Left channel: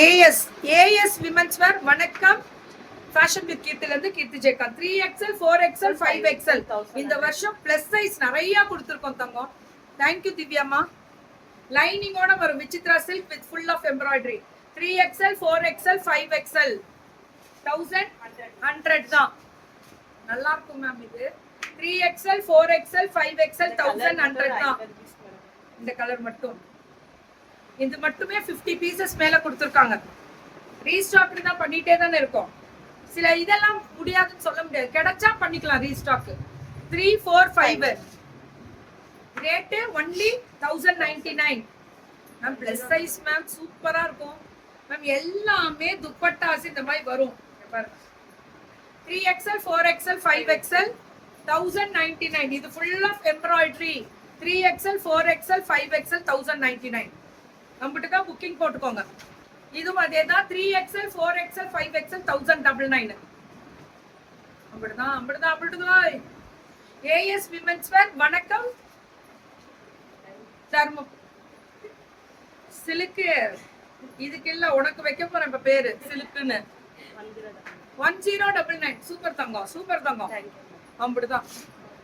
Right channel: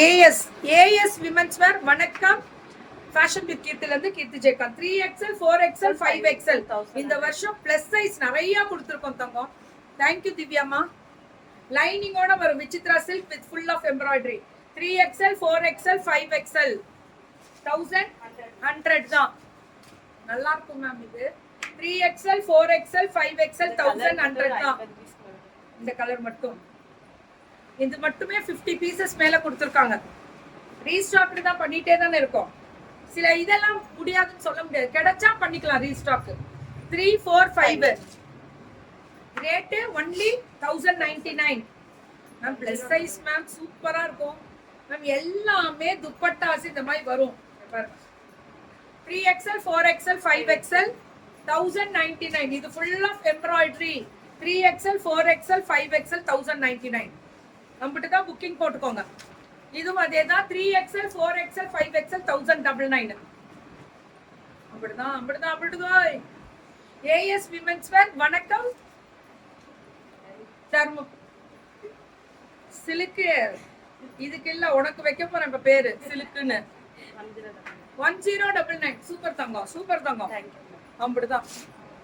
As women's வேர் வணக்கம் fashion with கீர்த்தில இருந்து கீர்த்தி ஜெயக்கா 3XL 4XL 5XL இந்த வருஷம் பிளஸ் சைஸ் நிறைய கொடுத்துருக்கோம் தங்கம். தேங்க்யூ திவ்யாமா. லைனிங்கோட வரும் Vichitra silk with full of embroidery 3XL 4XL 5XL 1100 தான். நல்லா இருக்கும் மேம். இது 3XL 4XL 5XL 1100 தான். இந்த கலர் மட்டும் இது மட்டுமே 50 பீசஸ் மேல கொடுத்துருக்காங்க. ரீஸ்டாக் தான் பண்ணிட்டே தானே இருக்கோம். சில இதெல்லாம் முடியாதுன்னு சொல்ல முடியாது, கிடைச்சா பண்ணிக்கலாம் restock. 3 4 5 rate only 1099 ma'am. Plus size ma'am, சூப்பரா இருக்கும் மேம். எல்லாமே துப்பட்டாஸ் இந்த மாதிரி வரும் பாருங்க. 3XL 4XL 5XL 1099. இது full of embroidery. 3XL 4XL 5XL 1099. நம்மகிட்ட தான் புக்கிங் போட்டுக்கோங்க. இதுவும் அதே தான். 3XL 4XL 5XL 1099. அப்படிதான். ஏஎஸ் விமென்ஸ் வேர் வணக்கம். தர்மம் சிலுக்கு இதுக்கு இல்ல, உனக்கு வைக்க போறேன் இப்ப பேரு சிலுக்குன்னு. 1099. சூப்பர் தங்கம், சூப்பர் தங்கம். அப்படிதான்.